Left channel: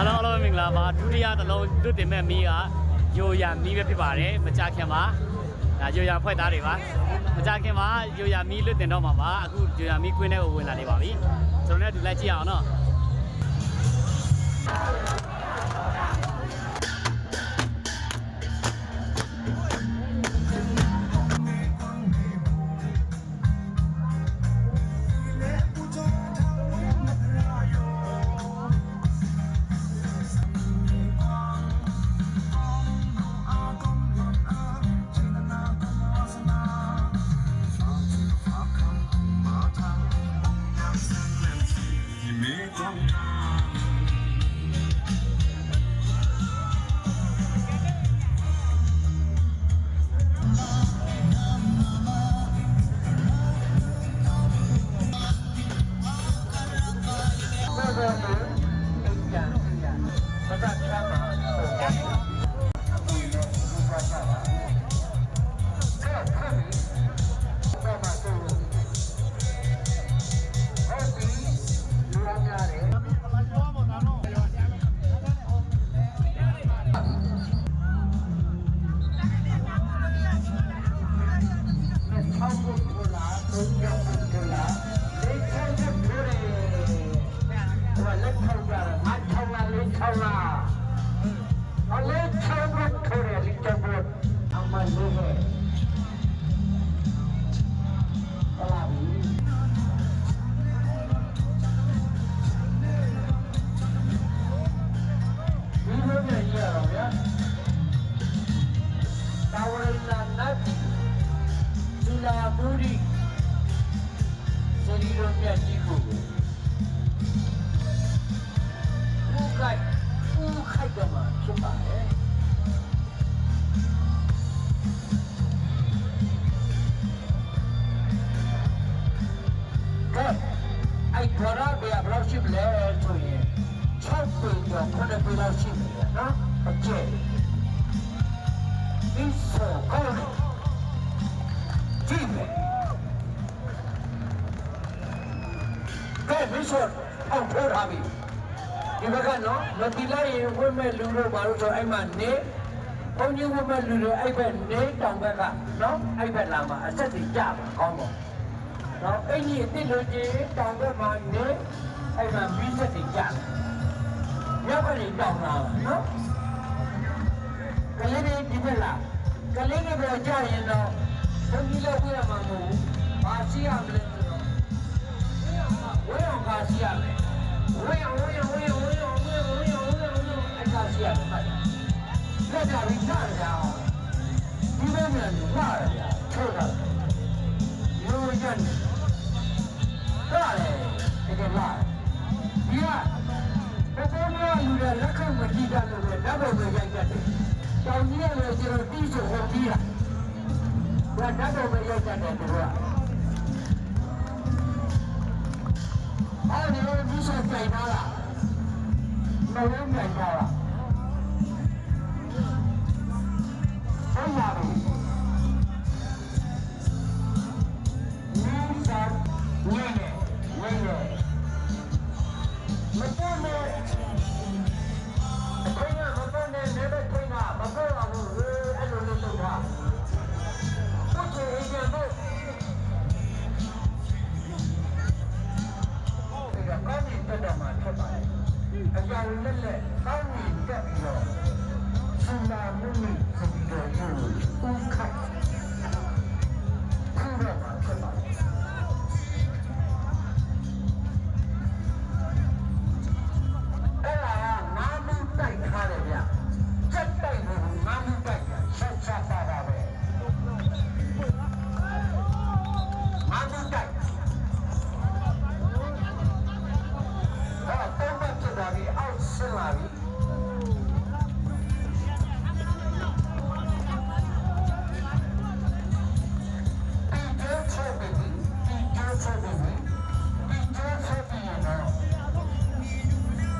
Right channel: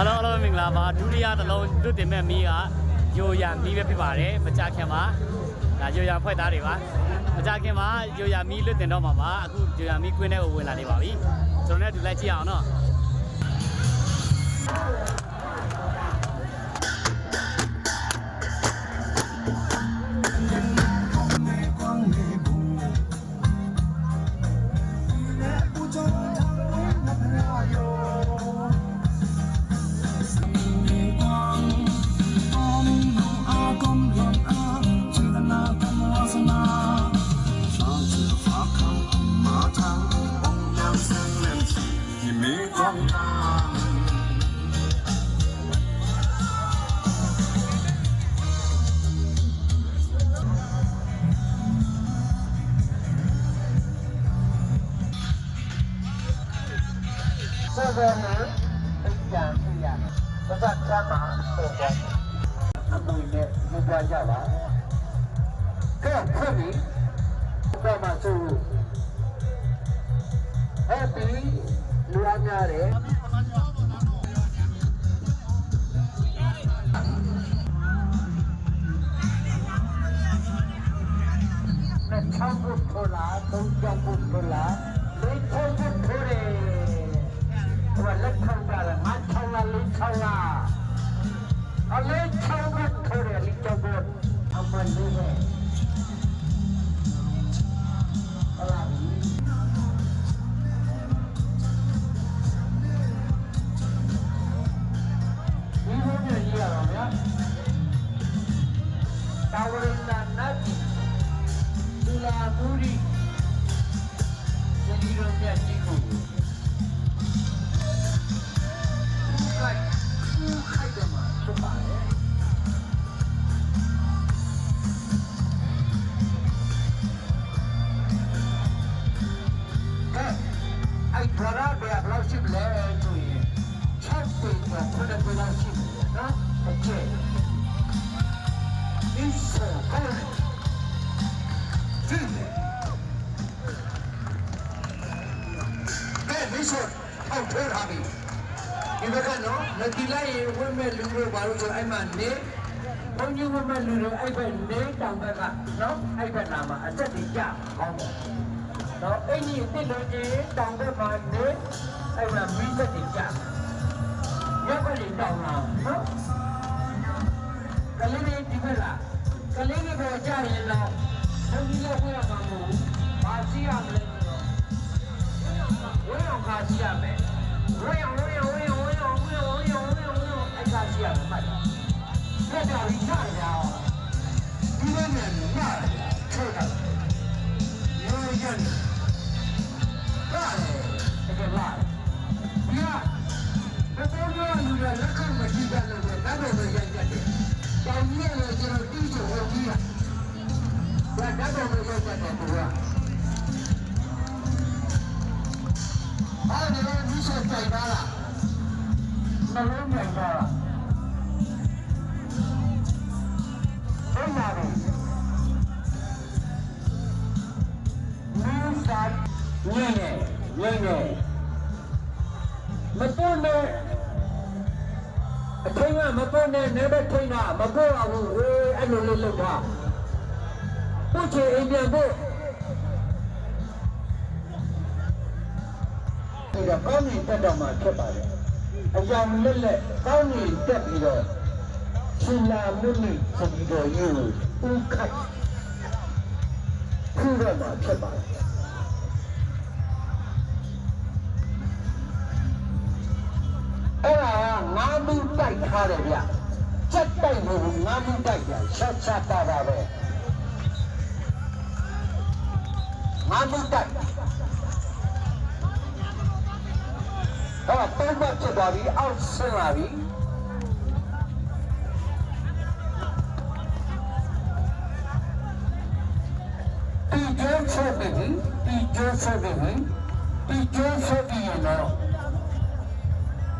အားလုံးအားလုံးမင်္ဂလာပါဒုတိယတစ်လုံးလွတ်တင်မဲ့မီးကယိုယာမီးပဲဖြစ်ပါတယ်မကြခင်ပါဒါယိုယာဖွဲ့သားတွေပါမကြခင်ပါယိုယာမီးလွတ်တင်တော့မှာပါအခုယိုယာမီးကွင်းထဲကိုဝင်လာနေပါပြီကျွန်တော်လည်းအတူလိုက်ကြည့်အောင်နော် ဆိုထောက်ထိုးထားပြီဒီဘက်ကနော်မတိလိုက်ရင်ဝိမဲ့လူတို့ဘာလို့ဆိုအဲ့မှာနေဘုန်းကြီးဝိမဲ့လူတွေအဲ့ဘက်နေတောင်ဘက်ကနော်အဲ့ဘက်လာမှာအသက်ကြီးကြတာကောင်းတော့နော်အဲ့ဒီတစ်လို့ကြီးတောင်ဘက်မှာနေအဲ့မှာမိသက်ကြီးကြတယ်ရောက်ကနေတောင်လာနော်ကလေးလေးဒီဘက်လာကလေးလေးပဲကြရင်တော့ဘုန်းကြီးလည်းဝိရမှာမဟုတ်ဘူးဘာရှိရမလဲ ဆိုတော့ဝိအောင်ကရှိရမယ်ဝေးအောင်ဝေးအောင်ဝေးအောင်ဝေးအောင်ဝေးအောင်ဝေးအောင်ဝေးအောင်ဝေးအောင်အဲ့ဒါစီရတယ်မိုက်လက်ကြပြီးချရတာဒီလိုမျိုးမှားရတာထိုးတာရိုးရန်ကားလေတကယ်လားဒီကဘယ်ပေါ်မှာလူတွေလက်ခံမကြည့်ကြလို့ဓာတ်တော်ပဲရိုက်ကြတယ်တောင်ကြီးလည်းကျွန်တော်တီးချိုဟောကြီးရဒါဓာတ်တော်ပဲရိုက်ကြတယ်သူက အားလည်းဒီဆက်ကြိုက်ပါလားမလုံးကြိုက်ပါလားဟုတ်ပါပြီနူးစာညင်းနေညင်းနေမပေါ်နဲ့အချိန်ကမပေါ်နဲ့နေမချိန်တာမပေါ်အောင်ဟေးအဲ့လိုလေးလုပ်တာပုတ်ချင်အိမ်ပြန်ဖို့ ကောင်းကင်တက်တော့မှဖြစ်ပါလေအကြောင်းလက်လက်ကောင်းကင်တက်ပြီးတော့ဆူလာမုန်ကြီးစပြီးတော့ယူဦးခတ်ခုတော့မှဖြစ်ပါလေအဲ့ဒါကငါးမှုတိုက်ထားတယ်ဗျစက်တိုက်လို့ငါးမှုတိုက်တာဆက်ဆက်ပါပါပဲငါးမှုတိုက် ဖြစ်သွားပြီအောက်ဆင်းလာပြီဒီကျိုးဆက်ပြီဒီကျိုးဆက်ပြီဒီကျိုးဆက်ပြီနော်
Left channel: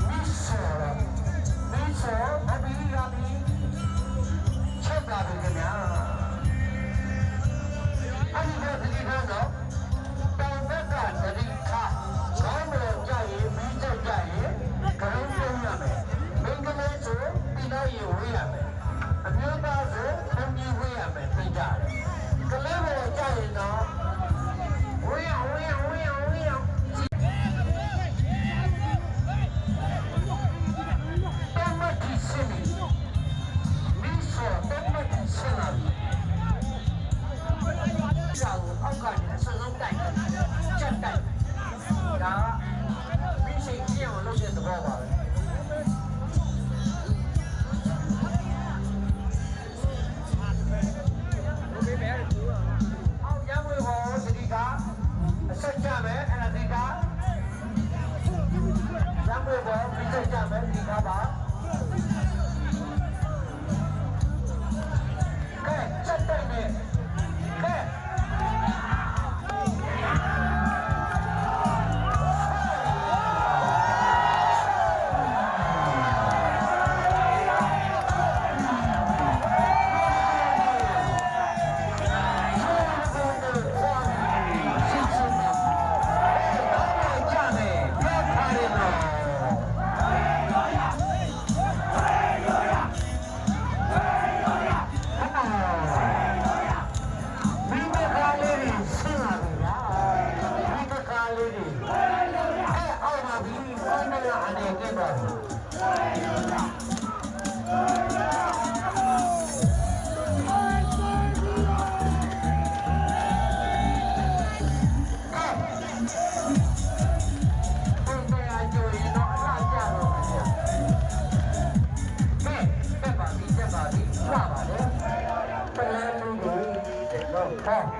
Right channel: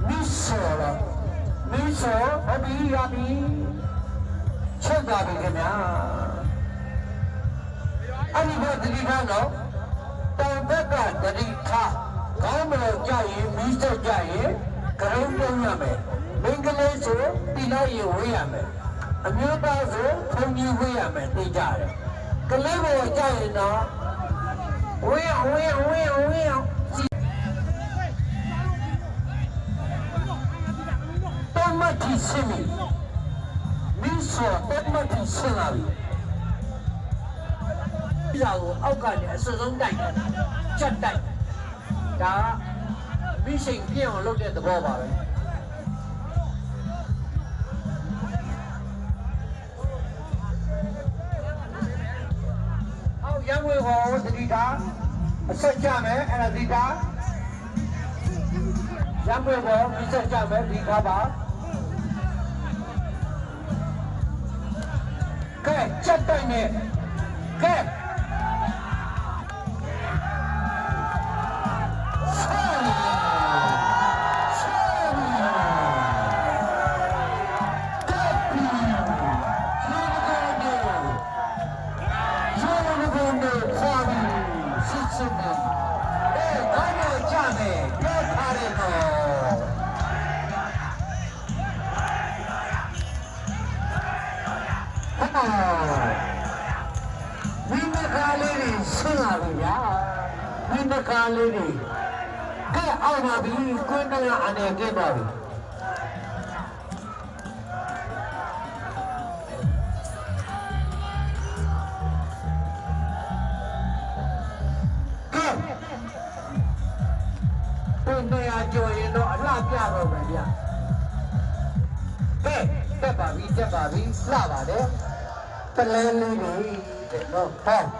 မစ်ဆောမစ်ဆောအဘီယာဘီချက်ပါပြီခင်ဗျာအဲ့ဒီတော့ဒီကတော့ င်မီးစက်ကြရင်ကရုံးလုံးရမယ်လိုက်ရင်ဝေးရမယ်အမျိုးသားဆိုဘုံကြီးဝေးရမယ်သိကြတယ်ကလေးဘောကြရင်တော့ဝေးအောင်ဝေးအောင်ဝေးအောင်ဝေးအောင်တမတိစင်မီမိစောတမတိစင်လာပြီဒါကိုအောက်ကနေအစွန်းတိုက်ချက်တိုက်ဒါမိစိတ်ပြည့်အောင်လုပ်တဲ့သဘောပါပဲ ကားလေးတွေဆင်းလာပြီဗျာမိမကားလေးတွေကဲအောက်ပါပြီကိုယ်နဲ့အနေကဲပါပြီကဲကိုယ်နဲ့ကြော်ရင်တော့အလှပြတော့မယ်ဗျာကဲတက်ပါပြီတက်ပါပြီလှပါတယ်တလဲလေးတွေတော့ဟော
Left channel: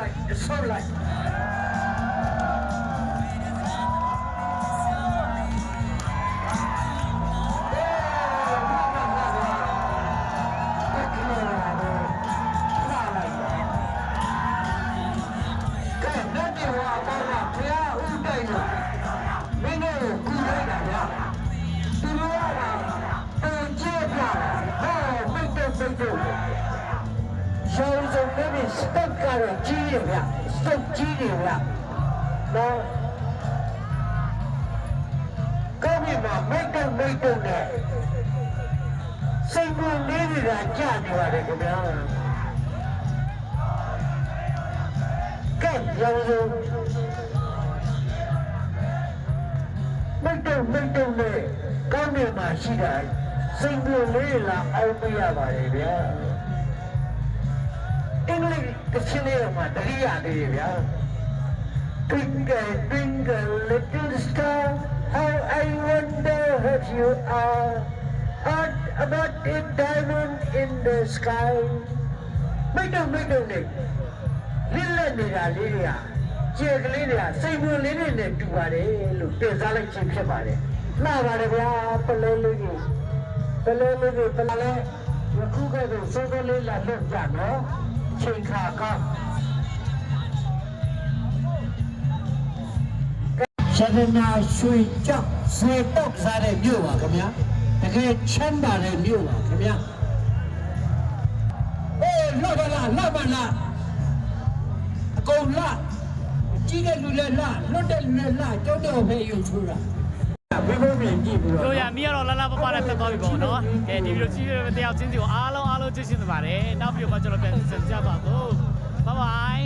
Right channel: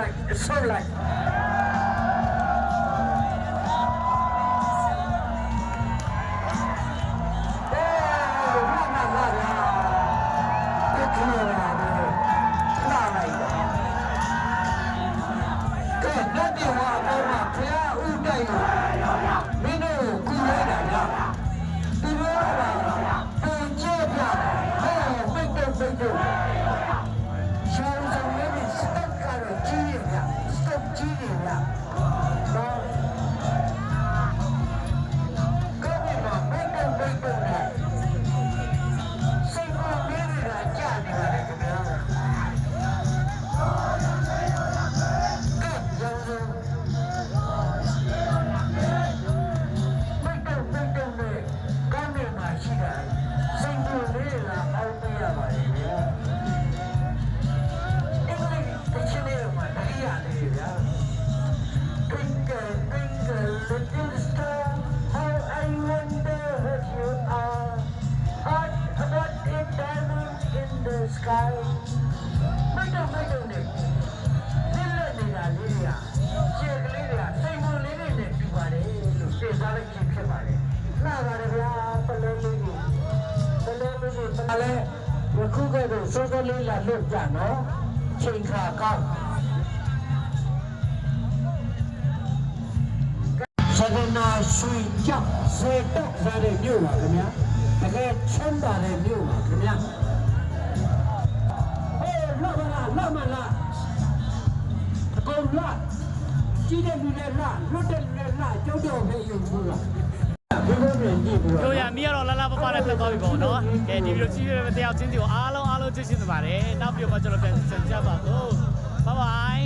လိုက်အဆုတ်လိုက်အေးလာလာလာလာဒီကနေ့ရာတော့ စုံလေးတွေစတက်ကတော့ကြီးရဗျစတက်ကြီးတယ်ဗျနော်ကောင်းပြီဗျမိတ်တုံမိတ်တုံနဲ့စိတ်ကူလေးတွေကကြာနေပါတယ်ခင်ဗျာကဲရောင်းစုံမိတ်တုံမိတ်တုံနဲ့ကောင်းနေမှာရှိတာစိတ်ကူလေးလာအောင်ပြရပါတယ်ဗျာအင်္ဂလိပ်က ချင်လေးမှာတတိယလေးတွေဗျာ Twinkle twinkle little star how I wonder what you are What about a diamond in the sky မိတ်တော့မိတ်တော့နေလစ်လက်နေတာလေးတွေကကျေကလေးတွေကစိတ်ဝင်လေးတွေနဲ့တူပါတယ်လို့တင်စားလိုက်ခြင်းဖြစ်ပါတယ်လှပါတယ်ဗျာပလဲလေးကြီးပလဲလေးကြီးပလဲယခုကဲ့သို့စိုးစိုးလေးလာလွတ်ကြနော် ချိန်ခါကောင်းသဒနာရွှေကြောက်စေတောက်စားတဲ့မြို့ပါခင်ဗျာတကယ်ချမ်းသာတဲ့မြို့ပါခင်ဗျာအေးလှပါလားလှပါလားအကုန်လှကြီးတဲ့လူလည်းလှလွတ်တဲ့လူလည်းလှကျုပ်တော့ဖေးရုံထိုးတာဘယ်လိုမြင်ကြည့်ဘူးတို့ရမီကတော့လာလာပပနဲ့တက်သွားပြီပေါ့နော်ကဲဒီဗီဒီယိုကြည့်ရတဲ့တရားချင်းစီကိုအားလုံး အားလုံးကြည့်ရှင်းနေပါတယ်နောက်ဗီဒီယိုမှာကျွန်တော်ပြန်ဆက်ကြပါတော့ဘိုင်ဘိုင်